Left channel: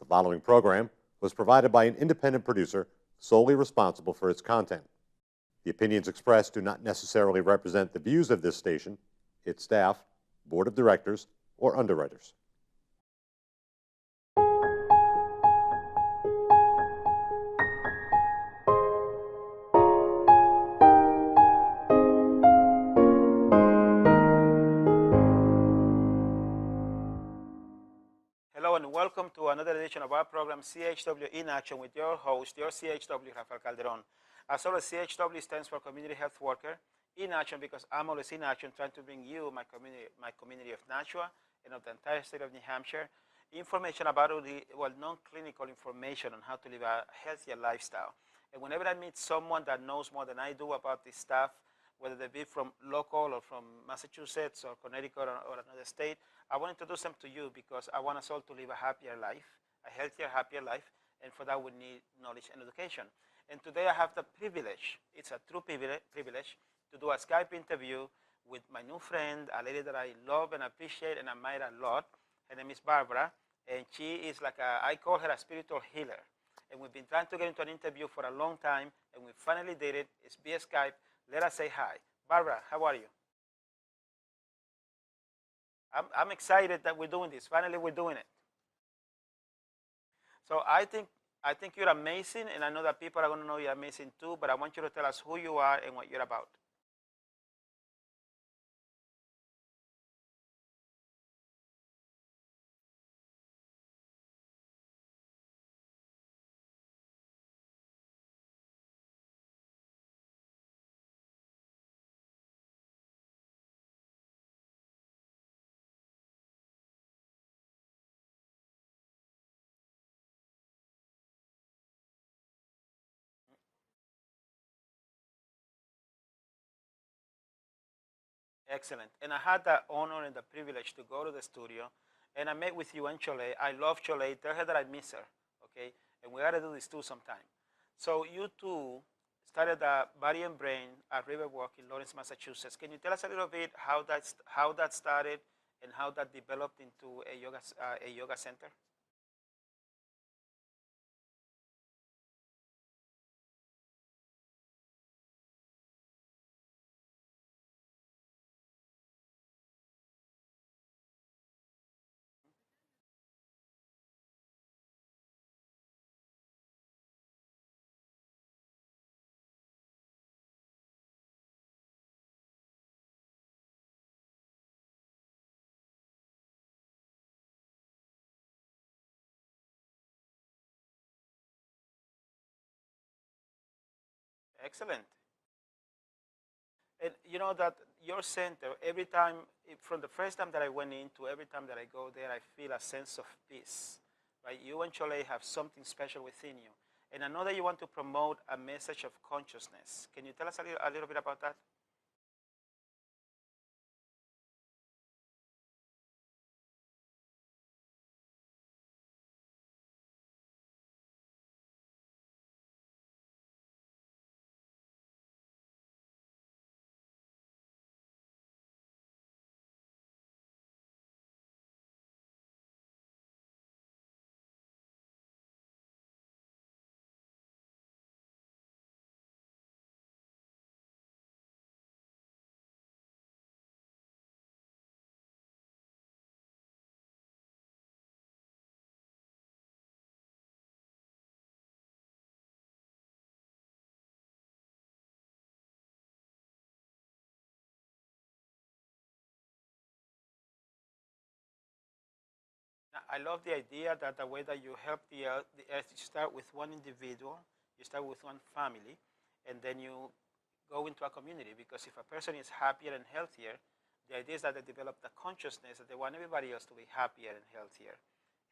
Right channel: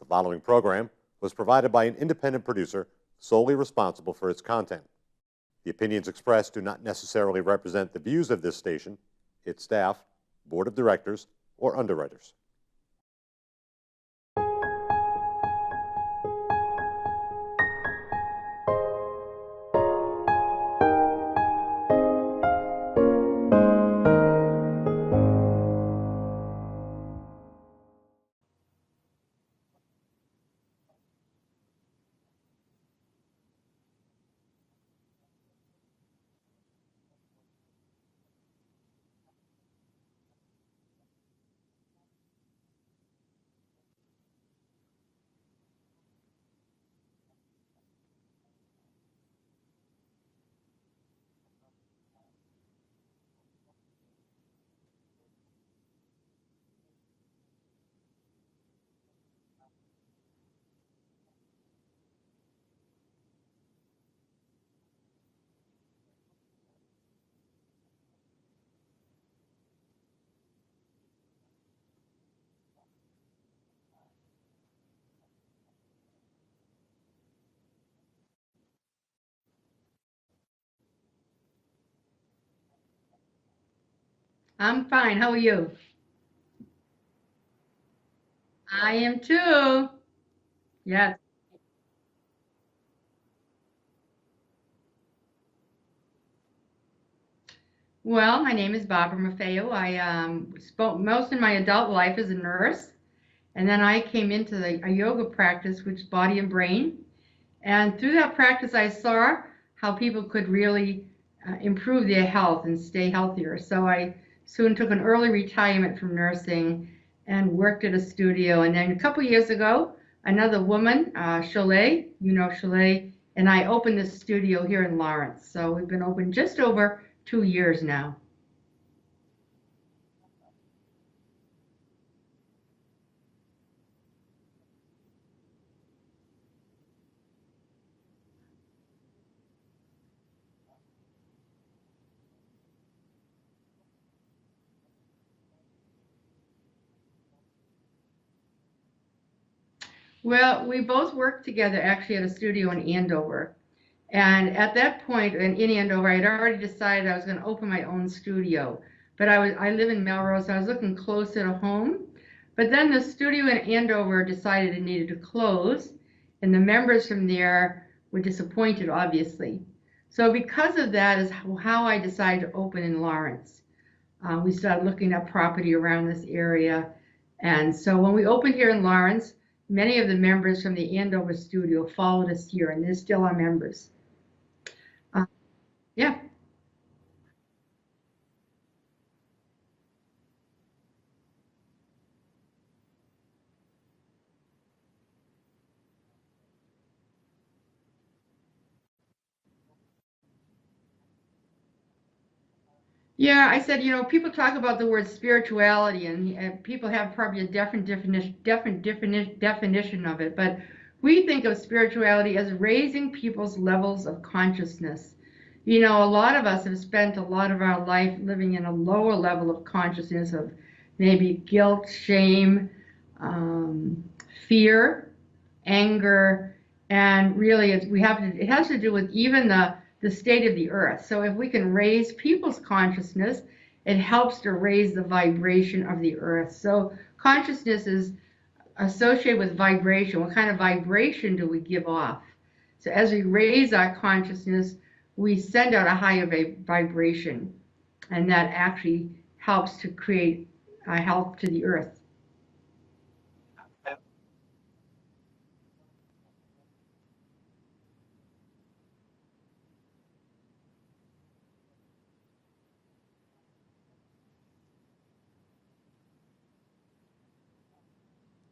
The following program was provided by an independent producer solely responsible for its content. The opinions expressed do not necessarily represent the views of this station, its staff, board of directors, or underwriters. Hello and welcome to another edition of our program, CHW in Action, with your host, your CHW, Rafael Calderon. As always, CHW stands for Community Health Worker in Action, because I'm always in action trying to bring you, my community of Nashua and of the entire state of New Hampshire, information about non-clinical information on how to live a healthier lifestyle. And whenever I meet someone that knows more than I do about this stuff, whether they be from local or from Massachusetts or Connecticut or another state, I want to introduce them to you because I want us all to live a happier life, a healthier, happier life, and for that we need knowledge and education. And today I have the privilege, it's a true privilege, to do a Skype interview with my new friend, a lady that I love and appreciate and admire a lot. Her name is Barbara, and she is I call her a spiritual healer. And we've been trying to get into an interview for a long time, and we finally did it. It's via Skype. Let us say hi. Barbara, how are you? I'm fine. How are you? I'm excited that we're doing this. Finally, we're doing it. I am too. So I think Yes. I think you're amazing, and I know that people are going to know you're amazing too. But I want you to tell us who you are and what you're about. Well, my name is Barbara Maffeo. I spoke most of my adult life as a nurse, and then I came into a yoga practice, which is body and brain. And through that practice, I saw how people could really improve their health and stay healthier. So I soon took an early retirement from nursing and worked at a studio. And then a couple years ago, another woman, Chalet, Chalet, and I opened this studio here in Lawrence. So we've been open just over 2 years now. Excellent. And I had the honor and the privilege to go to the studio, and I met with you and Cholet. I love Cholet. Tell her that I miss her, okay? And we got to do this too sometime. So you two started the Body and Brain at RiverWalk in Lawrence, Massachusetts. Can you tell us a little bit how that started and how that developed into a yoga center? Well, we both worked together actually at a studio in Andover. And at that point in Andover, I had already decided I was going to open my own studio. But I live in Melrose, so I was looking closer to home. But then the studio in Andover decided it needed to close, and the members from there were disappointed, obviously. So because of that is how I decided to open in Lawrence. We started looking at property around this area. And so when we opened here in Lawrence, many of the members from the Andover studio followed us here, and they're still our members. Excellent. Uh, yeah. And you know that your center, every time, from the first time that I went into, every time that I go there, I feel a sense of peace. Right? You and Cholet have something special within you. And I know that you want to promote a message of consciousness. Can you tell us a little bit about that? Yeah, I said, people talk about the word spirituality, and people have probably a definition of it, but we think of spirituality as raising people's levels of consciousness. A lot of us have spent a lot of our life living in a lower level of consciousness of maybe guilt, shame, um, fear, anger, and really it has to do with even the state of the earth. So if we can raise people's consciousness, it helps to raise the vibration of the earth. So consciousness is associated with vibration. What kind of vibration do we give off? So as we raise our consciousness, we send out a higher vibration, and that actually helps to create health to the earth. I love the idea that the way that you help the earth, you start with one individual, you start with one family, and then you go into a community. Because if a person is happier and healthier, the idea is that they develop the consciousness that they want everybody else to be happier and healthier.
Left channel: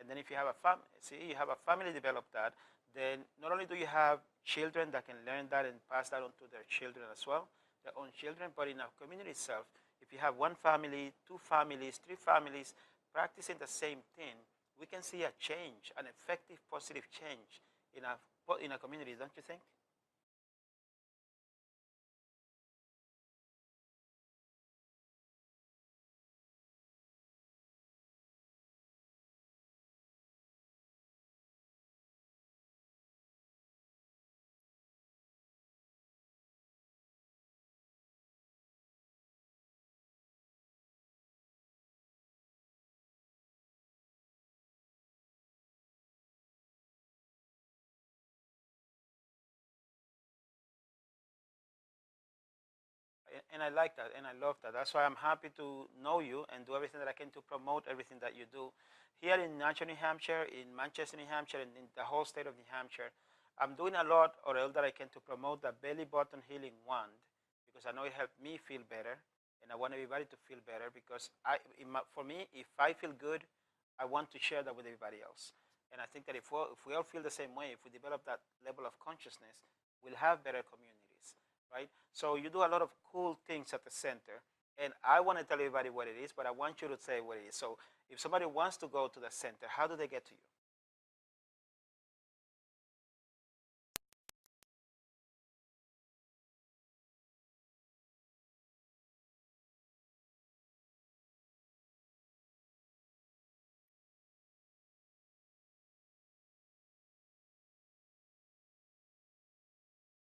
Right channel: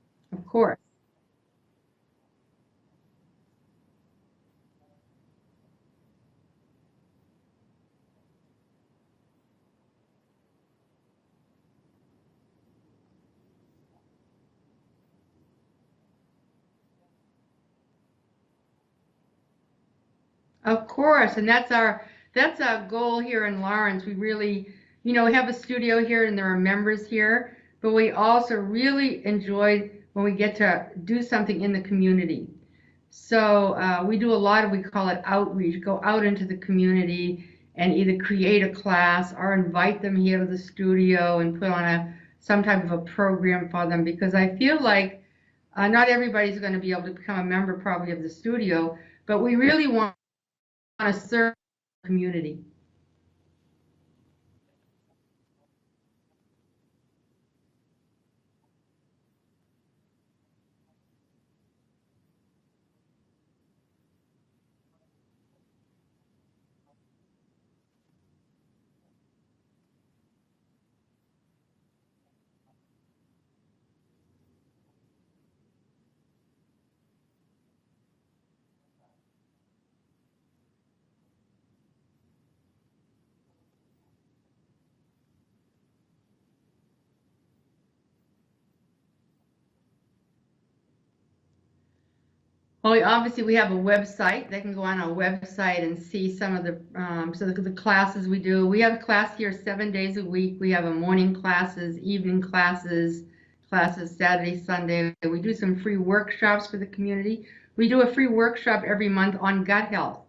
And then if you Of have a course. you have a family develop that, then not only do you have children that can learn that and pass that on to their children as well, their own children, but in a community itself, if you have one family, two families, three families practicing the same thing, we can see a change, an effective, positive change in a community, don't you think? Of course, and that's our goal here in Lawrence. We really, we have a studio here and there are members here, but we also really enjoy when we get to do something in the community. So we do a lot of, we call it outreach, go out into the community and either create a class or invite them here to the studio and put on some type of a program for them, because I feel like not everybody's going to be able to become a member probably of the studio, but we really want to serve the community. And I like that, and I love that. That's why I'm happy to know you and do everything that I can to promote everything that you do. Here in Nashua, New Hampshire, in Manchester, New Hampshire, and in the whole state of New Hampshire, I'm doing a lot or all that I can to promote the belly button healing wand, because I know it helped me feel better, and I want everybody to feel better, because for me, if I feel good, I want to share that with everybody else. And I think that if we all feel the same way, if we develop that level of consciousness, we'll have better communities, right? So you do a lot of cool things at the center, and I want to tell everybody what it is, but I want you to say what it is. So if somebody wants to go to the center, how do they get to you? Well, obviously we have a website. They can go on our website and see some of the classes we do. We have a class here 7 days a week. We have a morning classes, evening classes Saturday, Sunday. We do some free workshops for the community. We do a free workshop every month on gut health,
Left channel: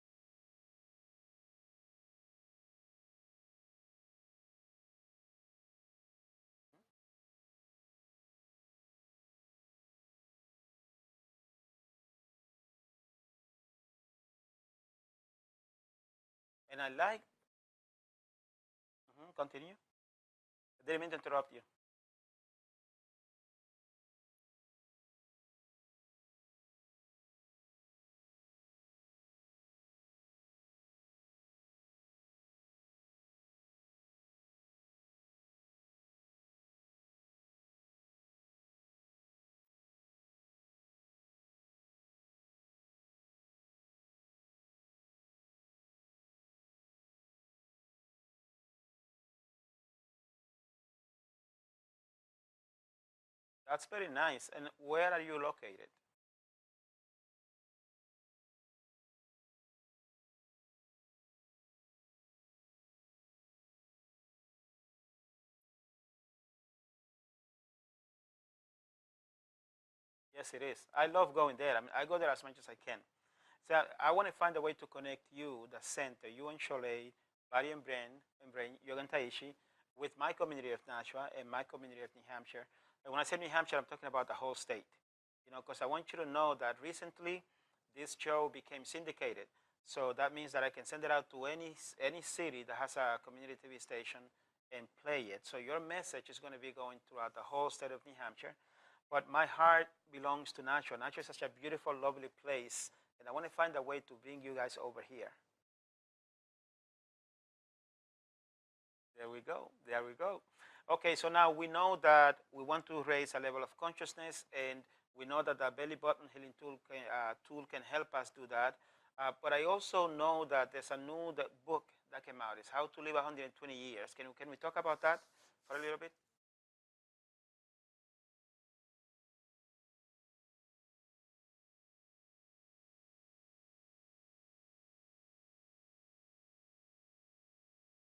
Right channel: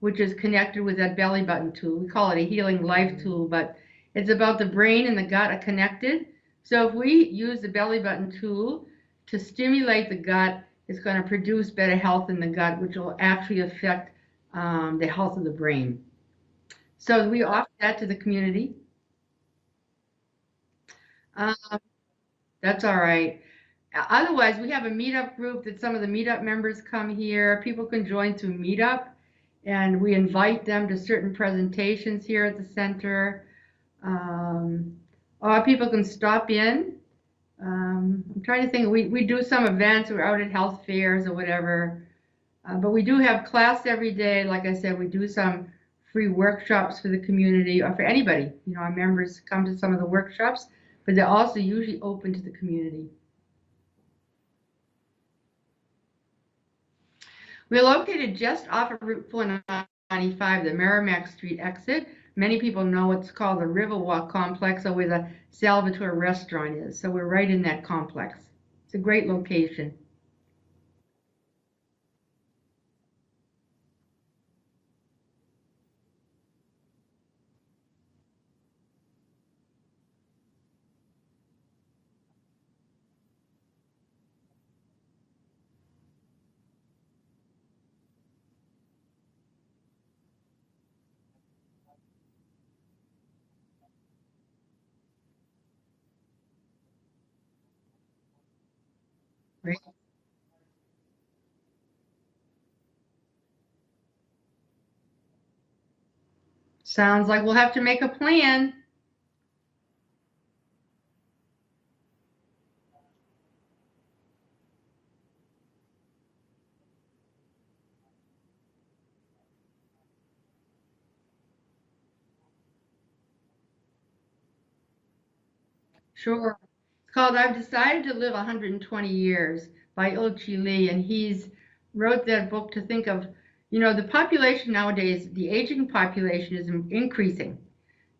which is connected with that belly button tool. We call it a healing life tool, but it's about the brain and the gut are connected. So if we use the belly button tool to stimulate the gut, it's going to produce better health in the gut, which will actually affect the health of the brain. And I like so we offer that to the community. Continue. Didn't mean to interrupt you. That's all right. Otherwise, we have a meetup group that some of the meetup members come here. People can join through Meetup, and we invite them to certain presentations here at the center. Or people can stop in. I'm trying to think. We do some events. We're out at health fairs or whatever. But we do have class every day. Like I said, we do some free workshops for the community or for anybody. You know, our members come to some of the workshops, but they're also usually open to the community. That's very nice. And where are you located? We're located just off of Route 495, the Merrimack Street exit. Many people know what's called the RiverWalk complex, or where the Salvatore restaurant is. So we're right in that complex. It's a great location. Yes, it is. I love going there. I mean, I go there as much as I can. So I want to find a way to connect you, the center, you and Cholet, Barry and Brain, Yoga Taichi, with my community of Nashua and my community of New Hampshire. And when I say New Hampshire, I'm talking about the whole state. You know, because I want you to know that recently this show became syndicated. So that means that I can send it out to any city that has a community TV station and play it. So your message is going to be going throughout the whole state of New Hampshire. But my heart belongs to Nashua. Nashua is such a beautiful, lovely place. And I want to find a way to bring you guys over here. Sounds like we'll have to make a plan. There we go. There we go. Okay, so now we know that we want to raise a level of consciousness, and we know that the belly button healing tool can help us do that. But I also know that there's a new book that came out. It's How to Live 120 Years. Can we talk about that for a little bit? Sure. It's called I've Decided to Live 120 Years by Ilchi Lee, and he's wrote that book to think of, you know, the population nowadays, the aging population is increasing.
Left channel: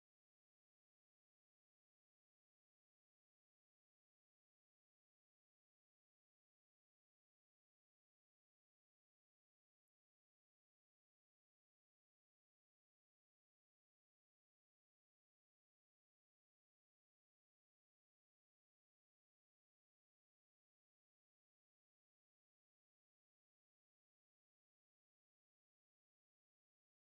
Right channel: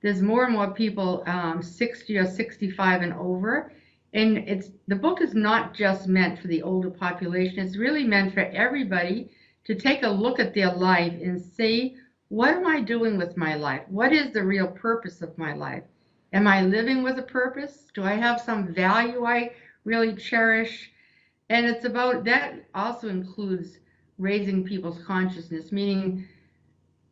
There's more and more people 60 or 65 and over. And the book is not just meant for the older population. It's really meant for everybody to take a look at their life and see, what am I doing with my life? What is the real purpose of my life? Am I living with a purpose? Do I have some value I really cherish? And it's about, that also includes raising people's consciousness, meaning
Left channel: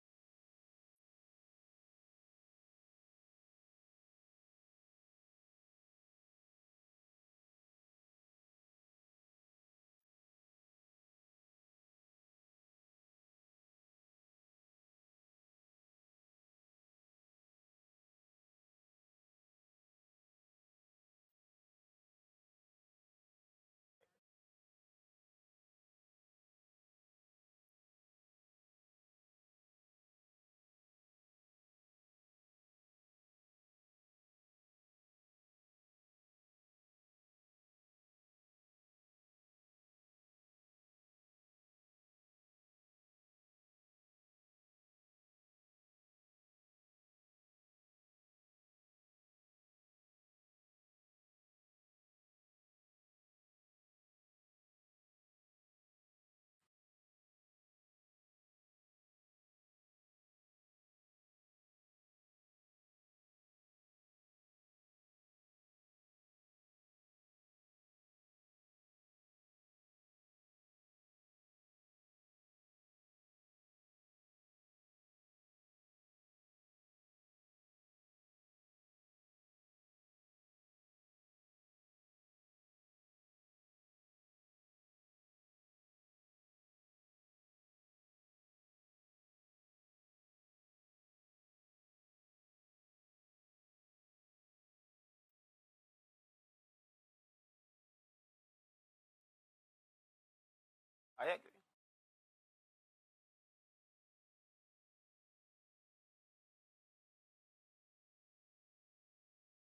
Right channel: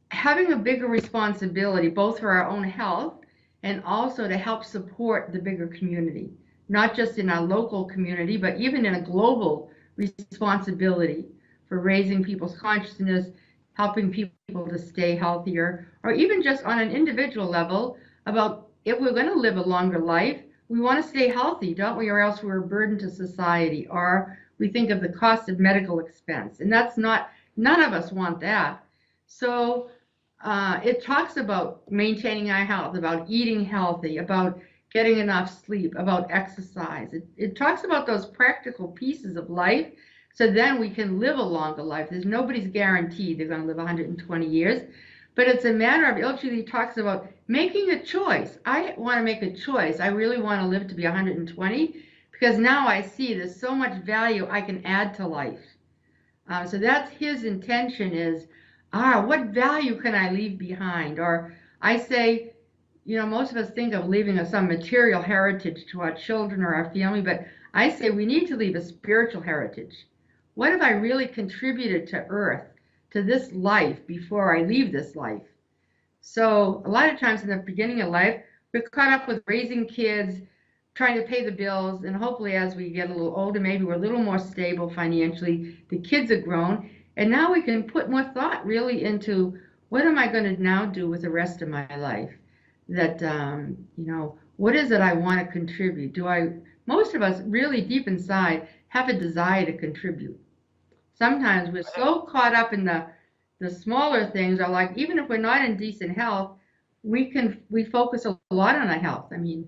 having a bigger responsibility, both for our own health and also to help support the bigger community, not just in our local community, but even in a global responsibility for raising people's consciousness, helping people to stay healthier, or even just on an individual level about, if we're going to live a longer life, we want to stay healthy, don't we? Or else we're a burden to society, or we think of the cost of medical expense. And that's not, none of us want that. So it talks about maintaining our health, about eating healthy, about getting enough sleep, about exercise. It talks about those practical pieces of life, so then we can live a longer life. Nobody's guaranteed they're going to live 120 years, but it's a matter of, Ilchi talks about making a choice. I want to make a choice. I really want to live to be 120, because now I see there's so much value I can add to life. So that's his intention is, what value can I leave behind? Or I say, most of us think of leaving some material heritage to our children or our family, but I say we need to leave a spiritual heritage. What have I really contributed to Earth, to this life before I leave this life? So a lot of times in the beginning of life, we're caught up with raising kids, trying to pay the bills, and hopefully as we get a little older, maybe we're a little more stable financially. The kids are grown, and now we can put more thought really into what am I going to now do with the rest of my life? That what is it I want to contribute? Most of us really deep inside have a desire to contribute. Sometimes we're so caught up in the smaller things, or like even if we're not in decent health, we focus a lot on our health. I mean,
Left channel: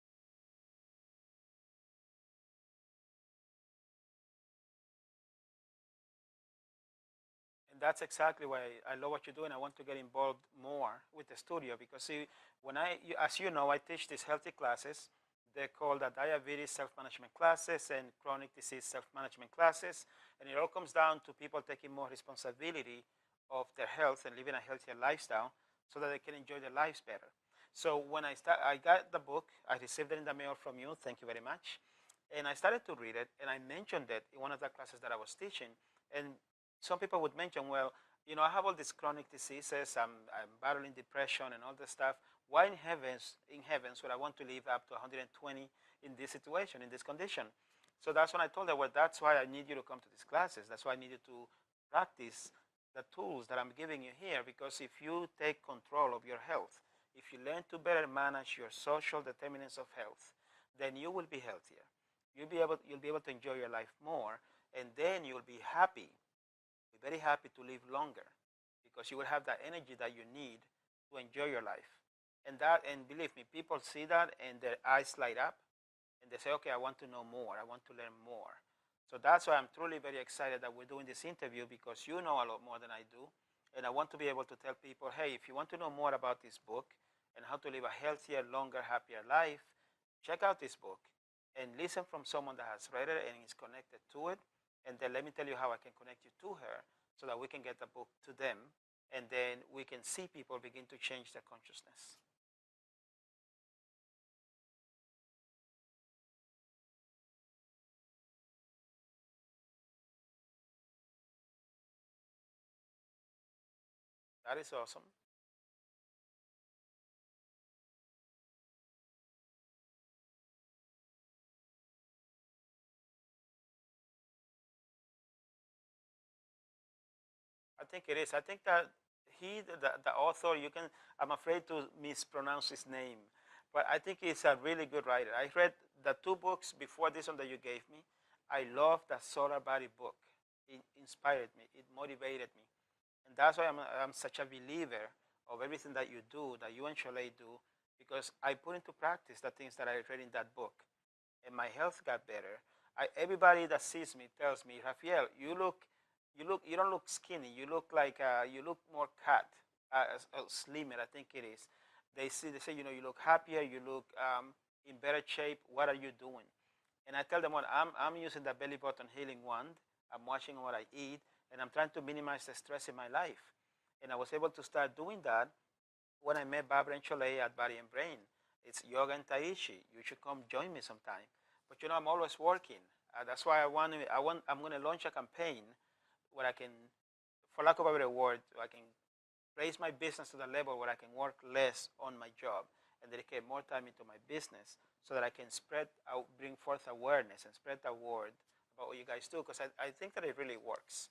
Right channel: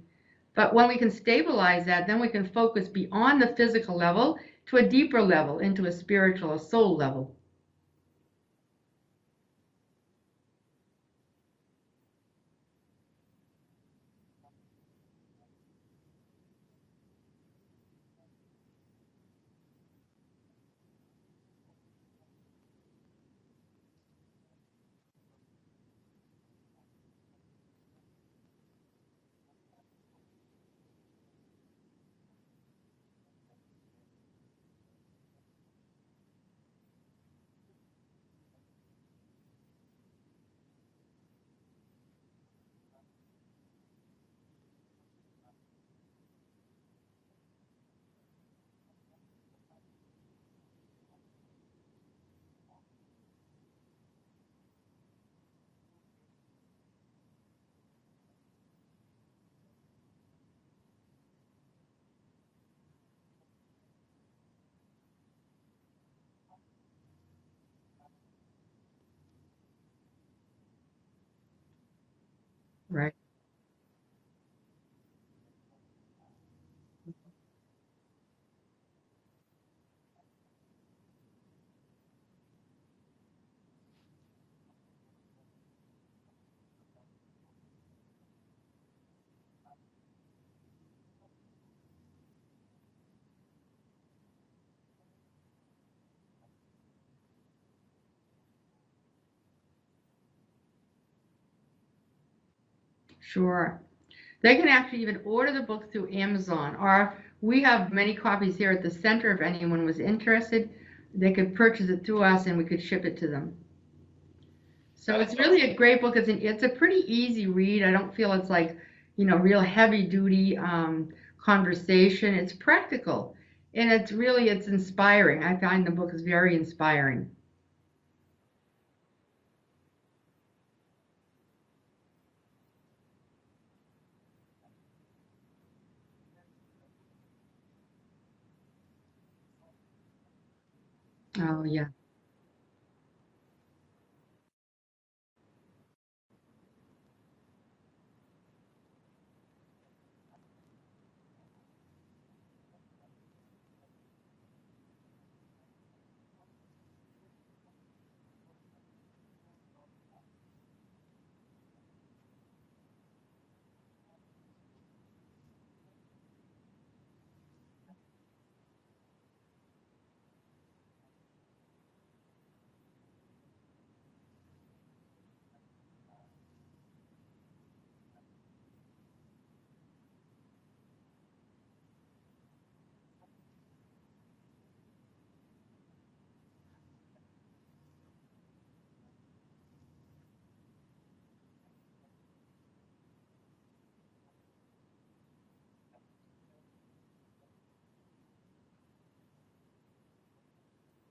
but when we can stabilize that, then we can focus beyond the physical level to a deeper level, into a spiritual, a soul level. And that's exactly why I love what you're doing. I want to get involved more with the studio because, see, as you know, I teach these healthy classes. They're called the diabetes self-management classes and chronic disease self-management classes. And it all comes down to people taking more responsibility of their health and living a healthier lifestyle so that they can enjoy their lives better. So when I got the book. I received it in the mail from you. Thank you very much. And I started to read it, and I mentioned it in one of the classes that I was teaching. And some people would mention, well, I have all these chronic diseases. I'm battling depression and all this stuff. Why in heavens would I want to live up to 120 in this situation, in this condition? So that's when I told her, well, that's why I need you to come to these classes. That's why I need you to practice the tools that I'm giving you here, because if you take control of your health, if you learn to better manage your social determinants of health, then you will be healthier. You'll be able to enjoy your life more, and then you'll be happy, very happy to live longer, because you will have that energy that you need to enjoy your life. And Right. believe me, people see that and their eyes light up, and they say, okay, I want to know more. I want to learn more. So that's why I'm truly very excited that we're doing this interview, because you know a lot more than I do. And I want to be able to tell people, hey, if you want to know more about this book and how to live a healthier, longer, happier life, check out this book and listen from someone that has read it and is connected to it. And then let me tell you how I can connect you to her so that we can get the book to them. And then we can see people begin to change their consciousness. Sure. They can actually even order the book through Amazon, or we have many copies here at the center. If anyone was interested, they could purchase it through us and we could ship it to them. That is awesome. So it's really a great book. It's a pretty easy read. I don't feel it's like, real heavy duty conversation. It's practical, and it's inspiring. I find the book is very inspiring. I think it is. I think that the author, I'm afraid to mispronounce his name, but I think he's a really good writer. I read the two books before this one that you gave me. I love the Solar Body book. It inspired Oh me, yeah. it motivated me. And that's why I'm such a believer of everything that you do, that you and Cholet do, because I put into practice the things that I read in that book, and my health got better. Everybody that sees me tells me, Rafael, you don't look skinny. You look like you look more cut, slimmer. I think it is. They say, you look happier. You look in better shape. What are you doing? And I tell them what I'm using the belly button healing wand. I'm watching what I eat, and I'm trying to minimize the stress in my life. And I was able to start doing that when I met Barbara and Cholet at Body and Brain. It's Yoga and Taichi. You should come join me sometime. But I'm always working. That's why I'm going to launch a campaign where I can, for lack of a better word, I can raise my business to the level where I can work less on my job and dedicate more time into my business, so that I can bring forth awareness and spread the word for what you guys do, because I think that it really works.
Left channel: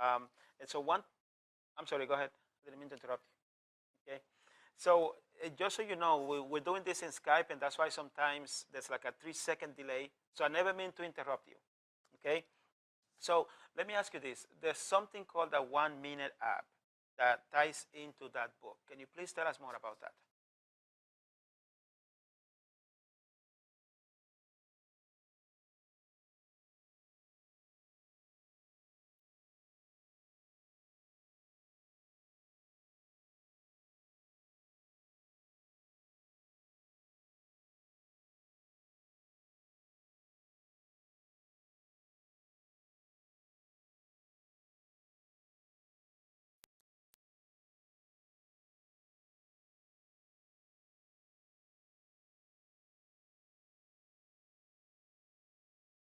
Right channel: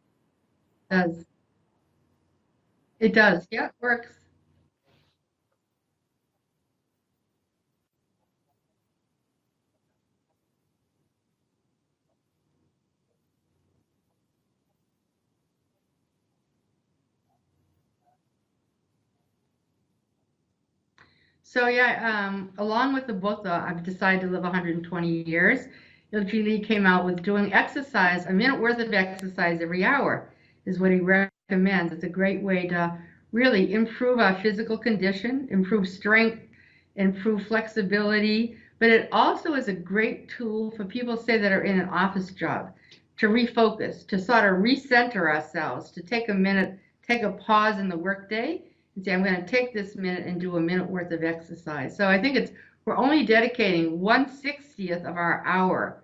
And so It does. I'm sorry, go ahead. Didn't mean to It interrupt you. does. Yeah, it works. Okay. So just so you know, we're doing this in Skype, and that's why sometimes there's like a 3-second delay. So I never mean to interrupt you. Okay. So let me ask you this. There's something called the 1 Minute app that ties into that book. Can you please tell us more about that? So yeah, along with the book, though, I've decided to live 120 years. Lee came out with doing exercise, a minute worth of exercise every hour is what he recommends. It's a great way to really improve our physical condition, improve strength, improve flexibility, but it also is a great tool for people, say, that are in an office job, to refocus, to sort of recenter ourselves, to take a minute, take a pause in the workday and say, I'm going to take this minute and do a minute worth of exercise. So I think we're only dedicating 1/60th of our hour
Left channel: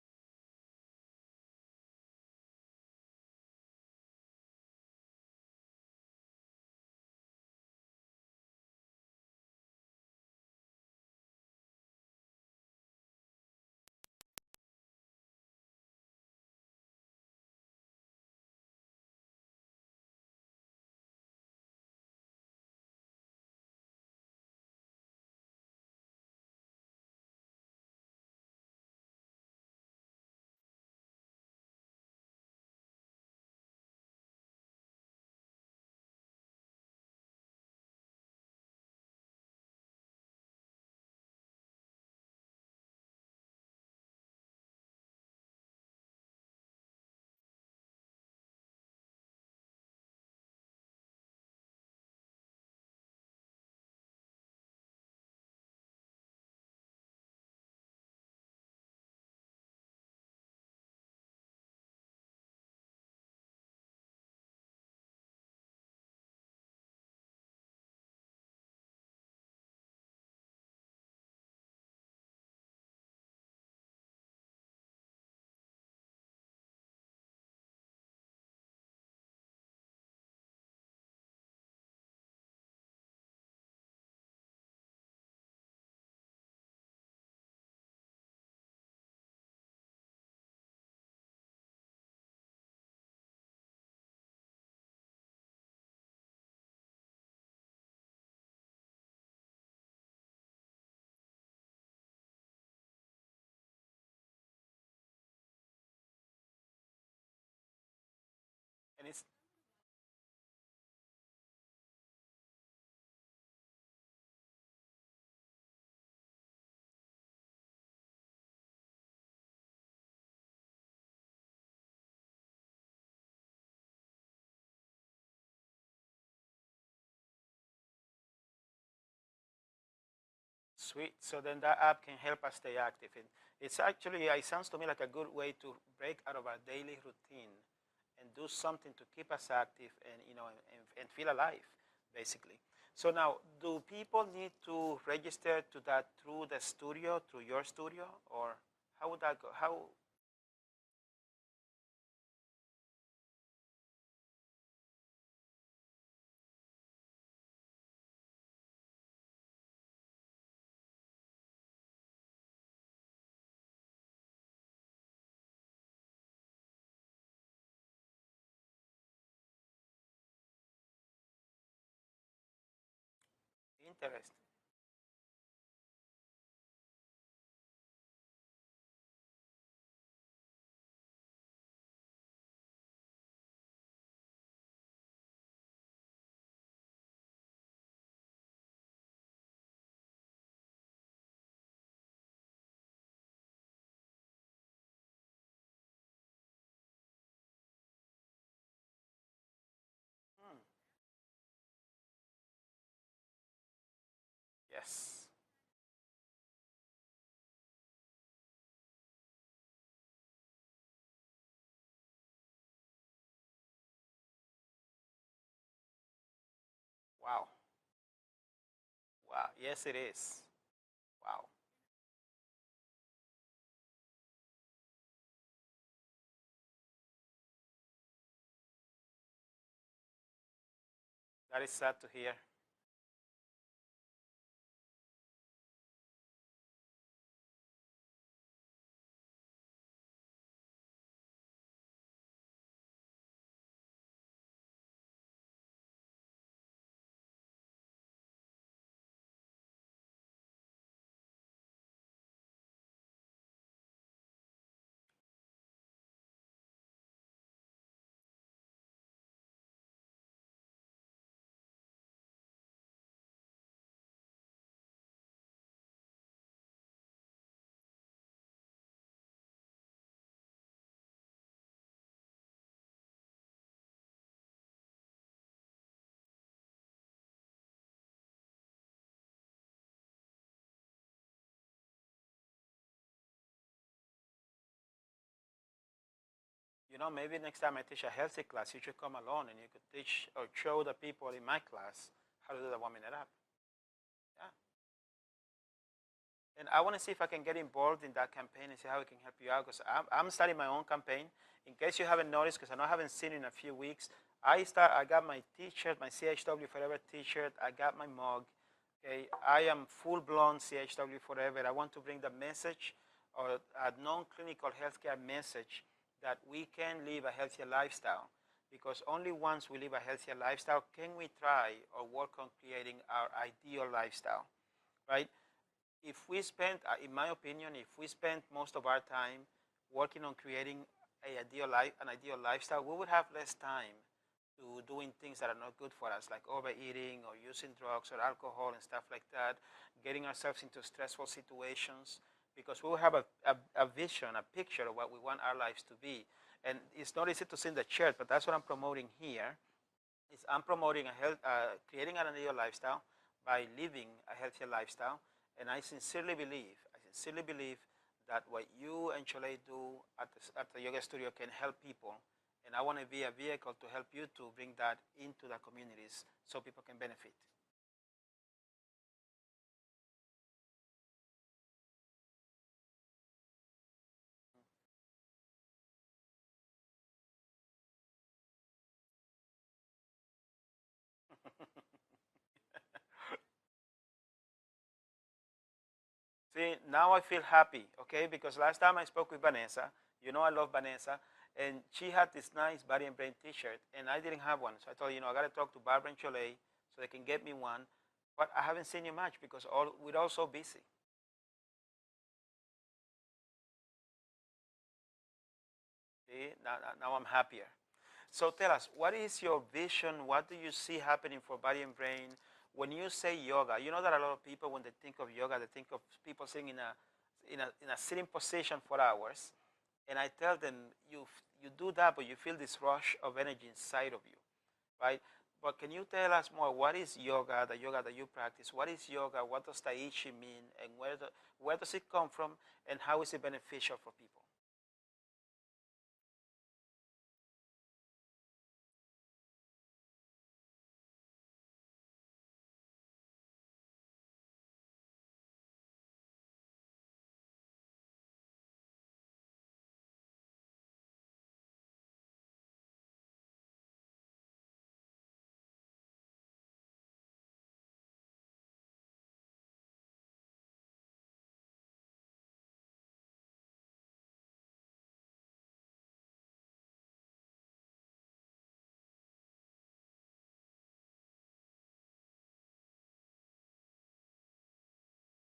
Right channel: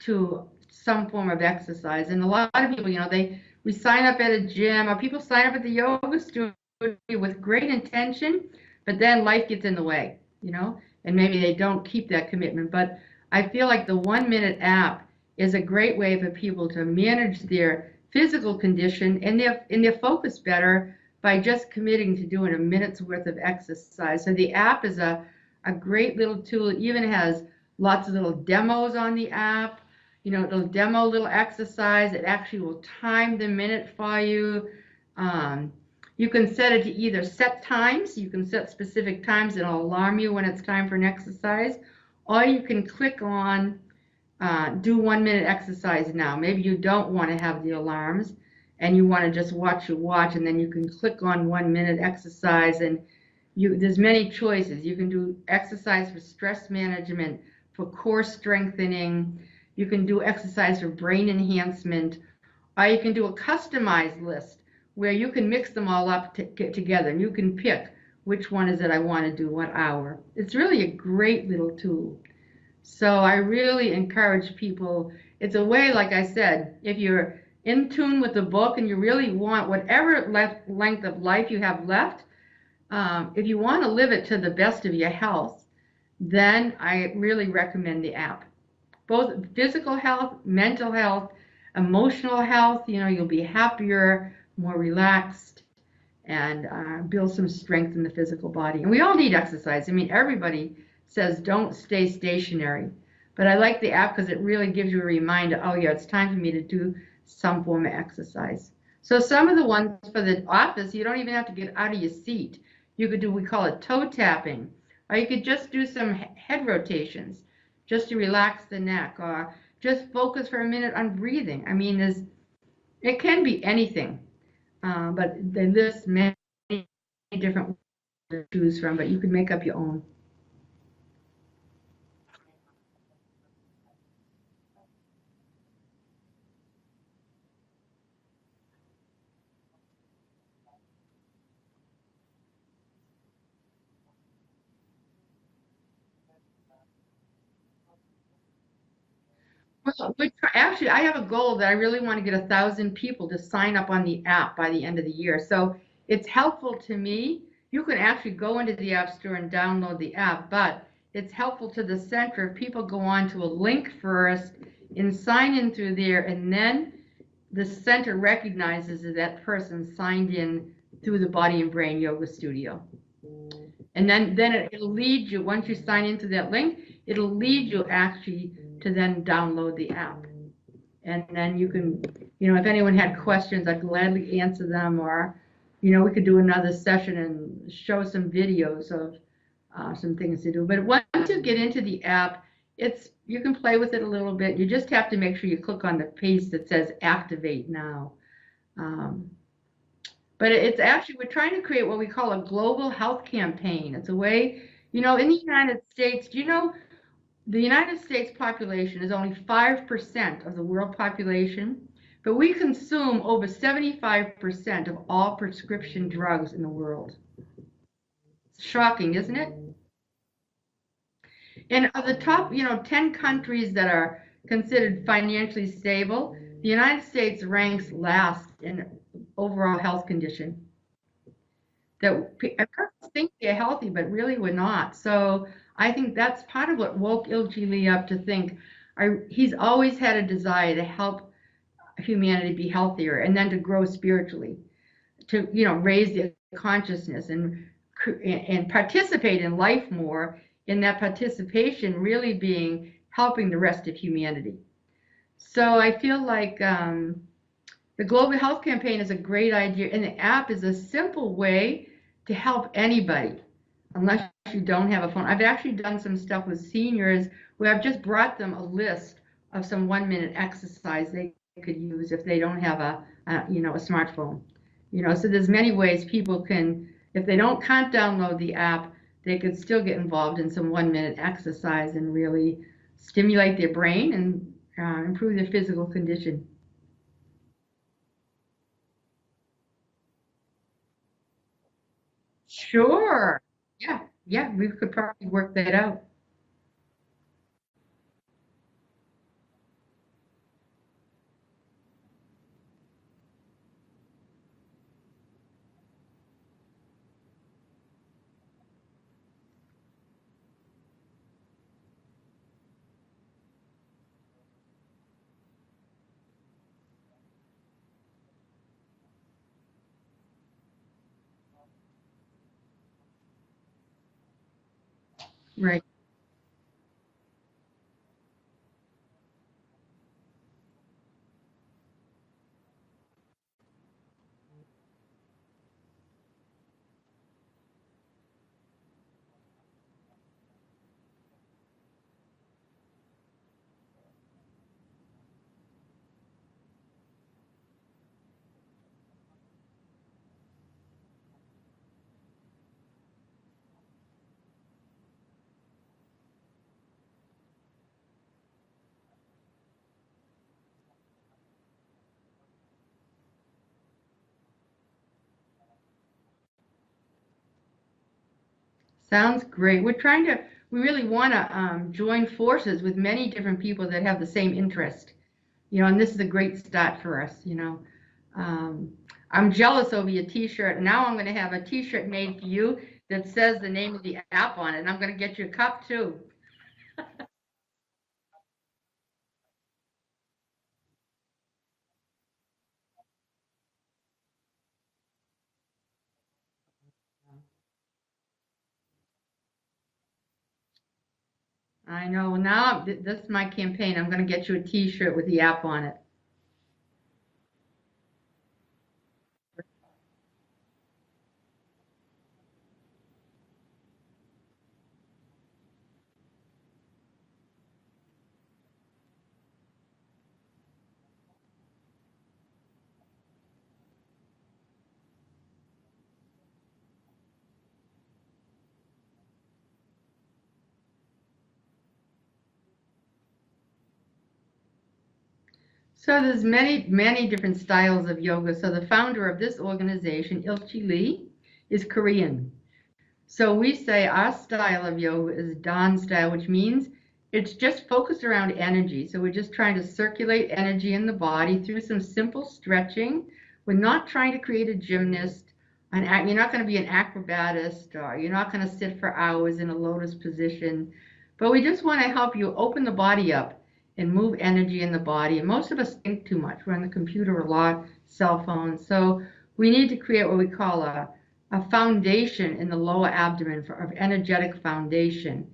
to some form of exercise. And a lot of people, we sign up at a gym, or people sign up at the yoga studio with great intention, but then life gets in the way, and maybe they don't keep that commitment. But I feel like the 1 minute app is a great way for people to manage their physical condition and their focus better by just committing to doing a minute's worth of exercise. So the app is a great little tool. It even has lots of little demos on the app. It'll demo a little exercise. It actually will time the minute for you. You can set it to either set times. You can set specific times. It'll alarm you when it's time for an exercise. Or you can click on do 1 minute exercise now. Maybe you don't want to have the alarms and you want to just watch your watch, and then you can click on 1 minute exercise, and there's many choices. You can do exercise for stress management, for core strengthening. You can do exercise for brain enhancement, or you can do a customized list where you can mix them all up together, and you can pick which one is it I want to do, what hour. It's really a great little tool. So I really encourage people. It's a way, like I said, if you're in tune with the book and you really want whatever length of life you have left, if you want to live it to the best of your health, then I really recommend the app. Both physical health, mental health, emotional health, you'll be happier, more relaxed, and build some strength in the physical body. And we all need exercise. I mean, everybody says don't stay stationary. But I like the app because it really gives you a reminder, oh yeah, it's time for me to do some form of exercise. So some of the ones for the office, you don't even have to get out of your seat. You could do, we call it toe tapping, or you could just do some head rotations just to relax the neck, or just focus for a minute on breathing. I mean, it can be anything, but they list many different ways to choose from, but you can make up your own. Sweet. So then that app can help us stay active. It's actually, it sounds to me like a good way to break out of our daily routine and do something to keep us active and, and feel alive, basically. So now, do people need to register to that through the studio, through your studio, or how would that go? Well, actually, I have a goal that I really want to get 1,000 people to sign up on the app by the end of the year. So it's helpful to me. You can actually go into the App Store and download the app, but it's helpful to the center if people go on to a link first and sign in through there, and then the center recognizes that person signed in through the Body and Brain Yoga Studio. And then it'll lead you, once you sign into that link, it'll lead you actually to then download the app. And then you can, if anyone had questions, I'd gladly answer them, or, we could do another session and show some videos of some things to do. But once you get into the app, you can play with it a little bit. You just have to make sure you click on the piece that says activate now. But it's actually, we're trying to create what we call a global health campaign. It's a way, in the United States, the United States population is only 5% of the world population, but we consume over 75% of all prescription drugs in the world. Wow. It's shocking, isn't it? Yes, it is. Wow. And of the top, 10 countries that are considered financially stable, the United States ranks last in overall health condition. That is sad to hear. People think they're healthy, but really we're not. So I think that's part of what woke Ilji up to think. He's always had a desire to help humanity be healthier, and then to grow spiritually, to raise their consciousness and participate in life more. In that participation, really being helping the rest of humanity. So I feel like the Global Health Campaign is a great idea, and the app is a simple way to help anybody, unless you don't have a phone. I've actually done some stuff with seniors where I've just brought them a list of some 1 minute exercise they could use if they don't have a smartphone. So there's many ways people can, if they can't download the app, they could still get involved in some 1-minute exercise and really stimulate their brain and improve their physical condition. You know, maybe next time I teach a healthy class, you should come along and you could teach or show the people in my class how to do the healthy. Sure. Yeah, yeah, we could probably work that out. And I want to see if I can get involved in that campaign and see how we can help you out. Because I'm starting my own campaign. In case you haven't noticed, because I know I haven't seen it in a few weeks, I got my T-shirt, my CHW Forever T-shirt. I got my mug. Okay, I am full-blown CHW Forever. I want to bring the message, or a non-clinical healthcare message, that we can live a healthier lifestyle. Because only once we live a healthier lifestyle can we try or work on creating our ideal lifestyle, right? Right. If we spend, in my opinion, if we spend most of our time working on creating an ideal lifestyle, we would have less time to doing things that are not good for us, like overeating or using drugs or alcohol and stuff like that, getting ourselves into stressful situations, because we will have a vision, a picture of what we want our lives to be. And it's not easy to see in the chart, but that's what I'm promoting here. Is I'm promoting creating an ideal lifestyle by living a healthier lifestyle. And I sincerely believe that what you and Chole do at the yoga studio can help people. And I want to be a vehicle to help you to bring that into the communities so people can benefit. Sounds great. We really want to join forces with many different people that have the same interest. And this is a great start for us. Um, I'm jealous over your T-shirt. Now I'm going to have a T-shirt made for you that says the name of the app on it, and I'm going to get you a cup too. See, now I feel happy, okay? Because last time I spoke with Vanessa, you know I love Vanessa, and she had this nice Body and Brain T-shirt, and I didn't have one. So I told her, I got to talk to Barbara and Chole so they can get me one. But I haven't seen you much because we're all so busy. I know. Now this is my campaign. I'm going to get you a T-shirt with the app on it. See, now I'm happier. So tell us, what is your vision? What do you see happening for body and brain? When you say yoga, you know that a lot of people, when they think of yoga, they think of people sitting in a sitting position for hours. And I tell them, you do that, but you feel this rush of energy inside of you, right? But can you tell us more? What is yoga, the yoga that you practice? What is yoga? What does Taichi mean? And where does it come from? And how is it beneficial for people? So there's many different styles of yoga. So the founder of this organization, Ilchi Lee, is Korean. So we say our style of yoga is Dan style, which means it's just focused around energy. So we're just trying to circulate energy in the body through some simple stretching. We're not trying to create a gymnast. You're not going to be an acrobatist, or you're not going to sit for hours in a lotus position. But we just want to help you open the body up and move energy in the body. And most of us think too much. We're on the computer a lot, cell phones. So we need to create what we call a foundation in the lower abdomen of energetic foundation.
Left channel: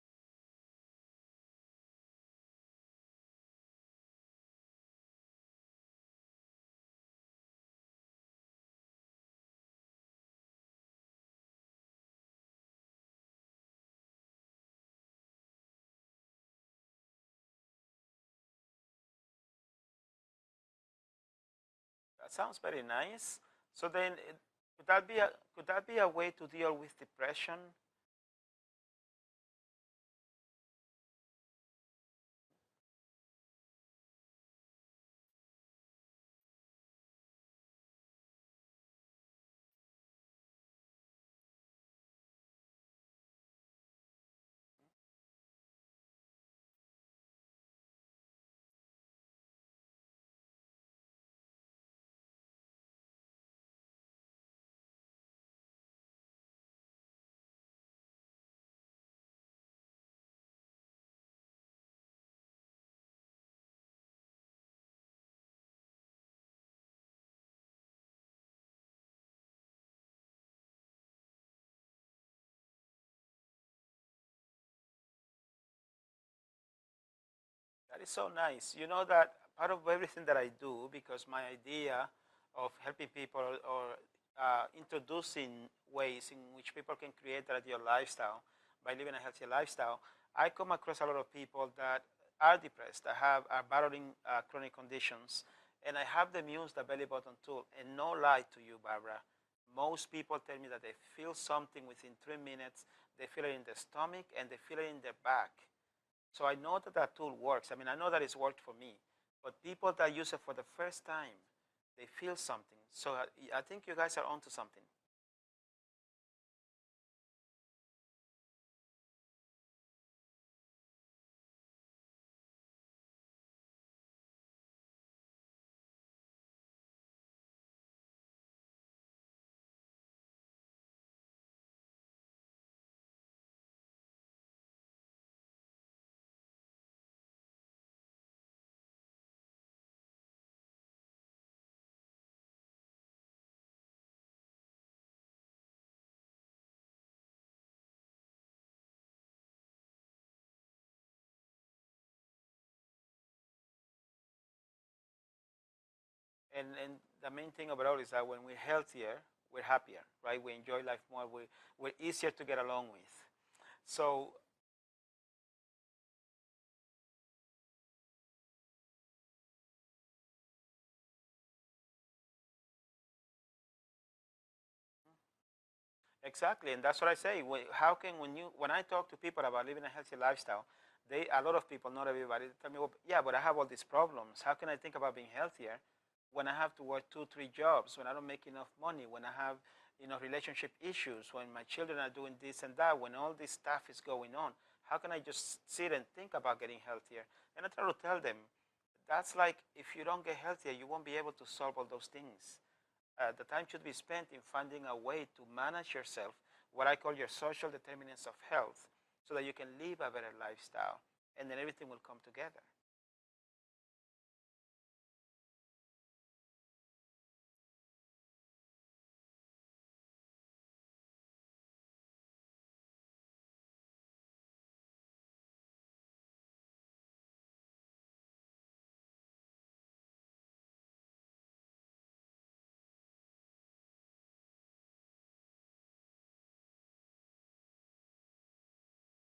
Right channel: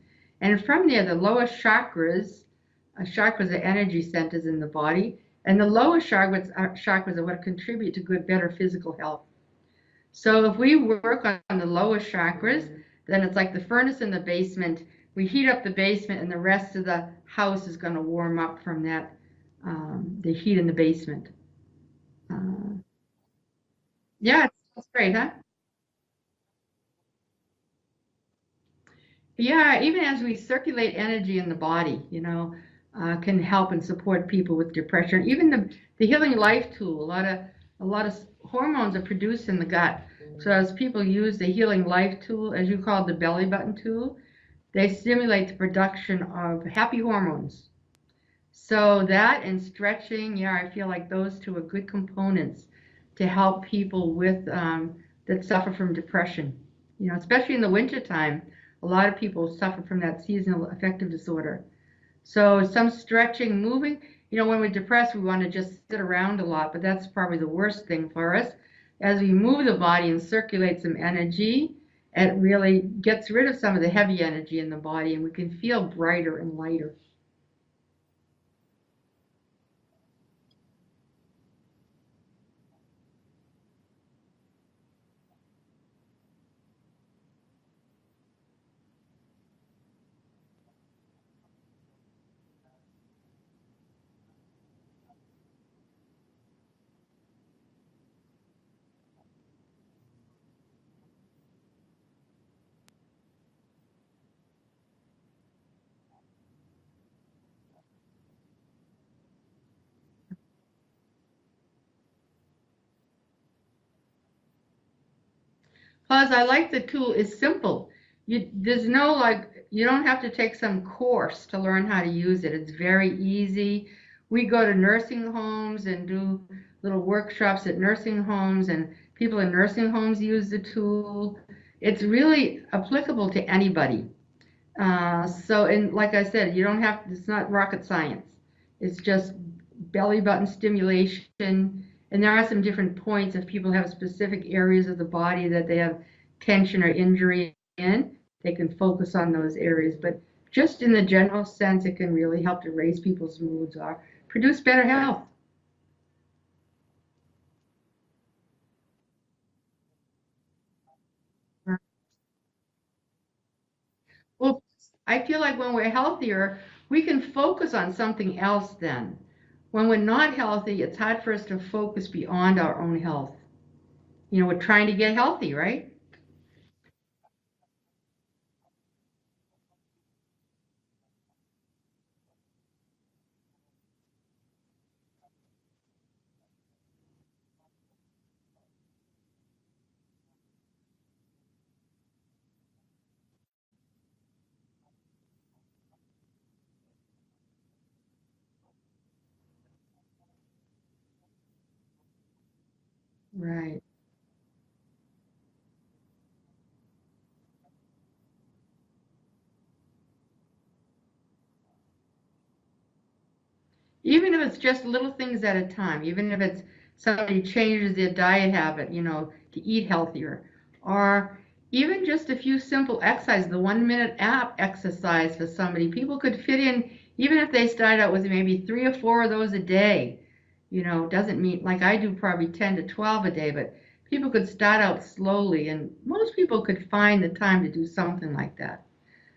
And from there, the lower chakras are energy centers in the body, and the lower chakras are what contribute to better physical health. So if we work on the lower chakras, then it's like the furnace in the basement. We heat up the basement, and the rest of the house is going to warm up from the heat in the basement. That sounds very nice. So then, Yeah, could it's that great, be huh? a way to deal with depression? Yeah, even as we circulate energy in the body, can help and support people with depression. Even the Healing Life tool, a lot of hormones are produced in the gut. So as people use the Healing Life tool, as you call it, the belly button tool, they stimulate the production of happy hormones. So that and stretching, yeah, I feel like those two are good components to help people that suffer from depression. Especially in the wintertime, a lot of people suffer from that seasonal affective disorder. So some stretching, moving. When we're depressed, we want to just sit around a lot, but that's probably the worst thing for us. As we move the body and circulate some energy, it really gets rid of some of the heavy energy in the body, and we can feel brighter and lighter. That is so nice. You know that part of everything that I do, because my idea of helping people or introducing ways in which people can create their ideal lifestyle by living a healthy lifestyle, I come across a lot of people that are depressed, that are battling chronic conditions, and I have them use the belly button tool. And no lie to you, Barbara, most people tell me that they feel something within 3 minutes. they feel it in their stomach, and they feel it in their back. So I know that that tool works. I mean, I know that it's worked for me. But people that use it for the first time, they feel something. So I think you guys are onto something. Plus, I like the tool. It's simple. There's no you don't have to take some course to learn how to use it. It's very easy. We go to nursing homes and do little workshops at nursing homes, and people in nursing homes use the tool. It's really applicable to anybody. And like I said, you don't have, it's not rocket science. It's just belly button stimulation. And there are some different points if people have specific areas of the body that they have tension or injury in, they can focus on those areas. But just in the general sense, it can really help to raise people's moods or produce better health. And the main thing about it is that when we're healthier, we're happier, right? We enjoy life more. We're easier to get along with. So, well, I feel like when we're healthier, we can focus on something else then. When we're not healthy, it's hard for us to focus beyond our own health. We're trying to get healthy, right? exactly, and that's what I say. How can when I talk to people about living a healthy lifestyle, a lot of people, not everybody, tell me, well, yeah, but I have all these problems. How can I think about being healthier when I have to work 2, 3 jobs, when I don't make enough money, when I have relationship issues, when my children are doing this and that, when all this stuff is going on? How can I just sit and think about getting healthier? And I try to tell them, that's like if you don't get healthier, you won't be able to solve all those things. The time Right. should be spent in finding a way to manage yourself, what I call your social determinants of health, so that you can live a better lifestyle, and then everything will come together. Even if it's just little things at a time, even if it's somebody changes their diet habit, to eat healthier, or even just a few simple exercises, the 1 minute app exercise for somebody, people could fit in, even if they start out with maybe 3 or 4 of those a day. Doesn't mean like I do probably 10 to 12 a day, but people could start out slowly, and most people could find the time to do something like that.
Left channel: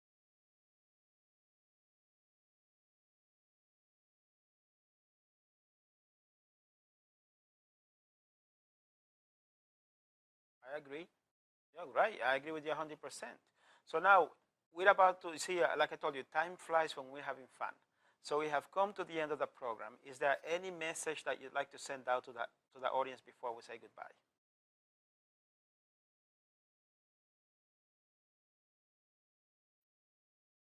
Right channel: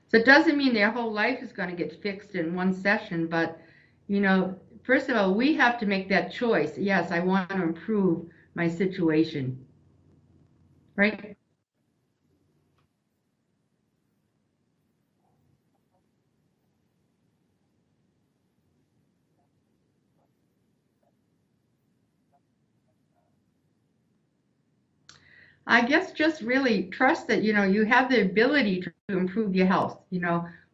So it doesn't mean their whole life is going to get fixed in one session, but you know, first of all, we have to make that choice. Yes, I want to improve my situation, I agree. right? Yeah, right. I agree with you 100%. So now we're about to see, like I told you, time flies when we're having fun. So we have come to the end of the program. Is there any message that you'd like to send out to the audience before we say goodbye? I guess just really trust that, you have the ability to improve your health.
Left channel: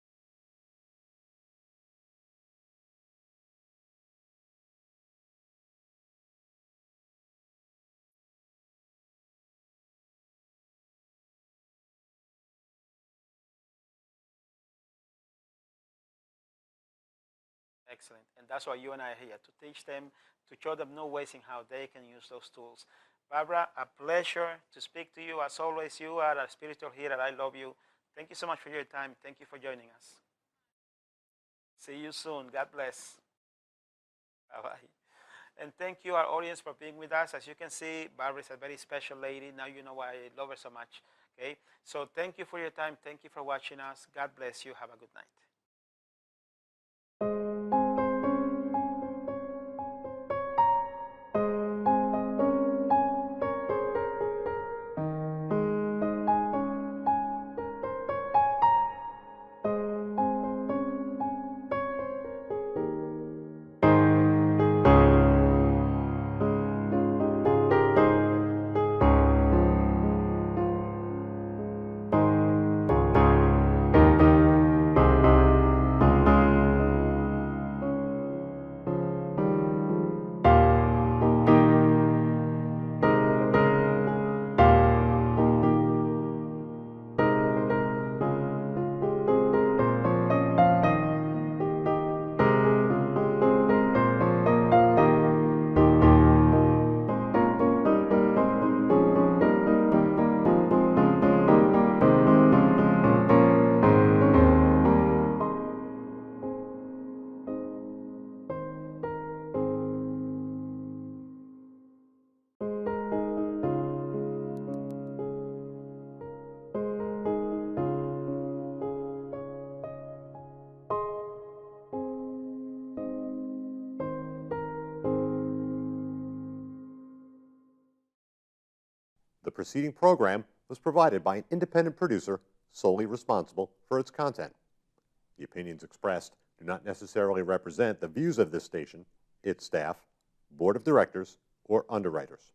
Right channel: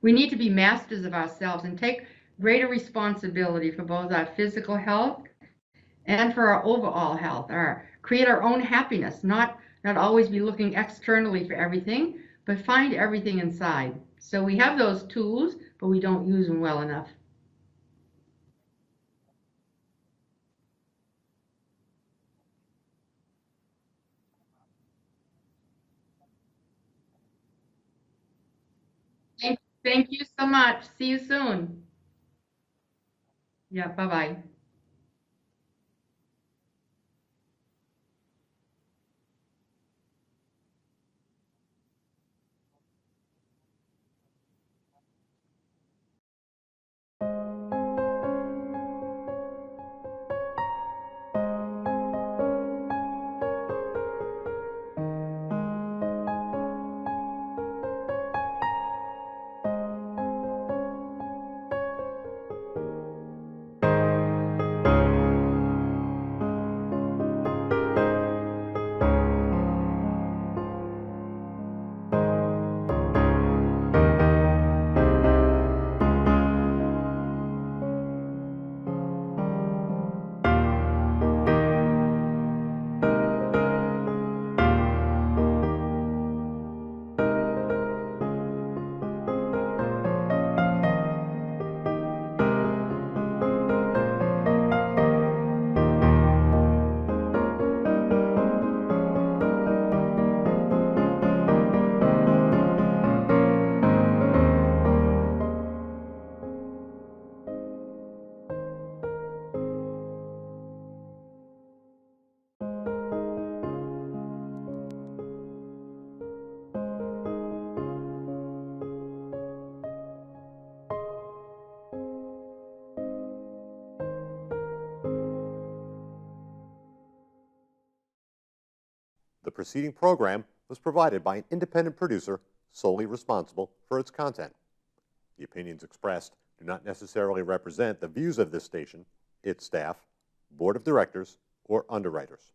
We need to be masters of ourselves and take greater responsibility for both our physical health and for our overall health, create our own happiness, not always be looking externally for everything, but find everything inside. So we have those tools, but we don't use them well enough. Excellent. And that's why you and I are here, to teach them, to show them new ways in how they can use those tools. Barbara, a pleasure to speak to you. As always, you are a spiritual healer. I love you. Thank you so much for your time. Thank you for joining Thank us. you so much. See you soon. See you soon. God bless. Yeah, bye-bye. Bye-bye. And thank you, our audience, for being with us. As you can see, Barbara is a very special lady. Now you know why I love her so much. Okay? So thank you for your time. Thank you for watching us. God bless you. Have a good night. The preceding program was provided by an independent producer solely responsible for its content. The opinions expressed do not necessarily represent the views of this station, its staff, board of directors, or underwriters.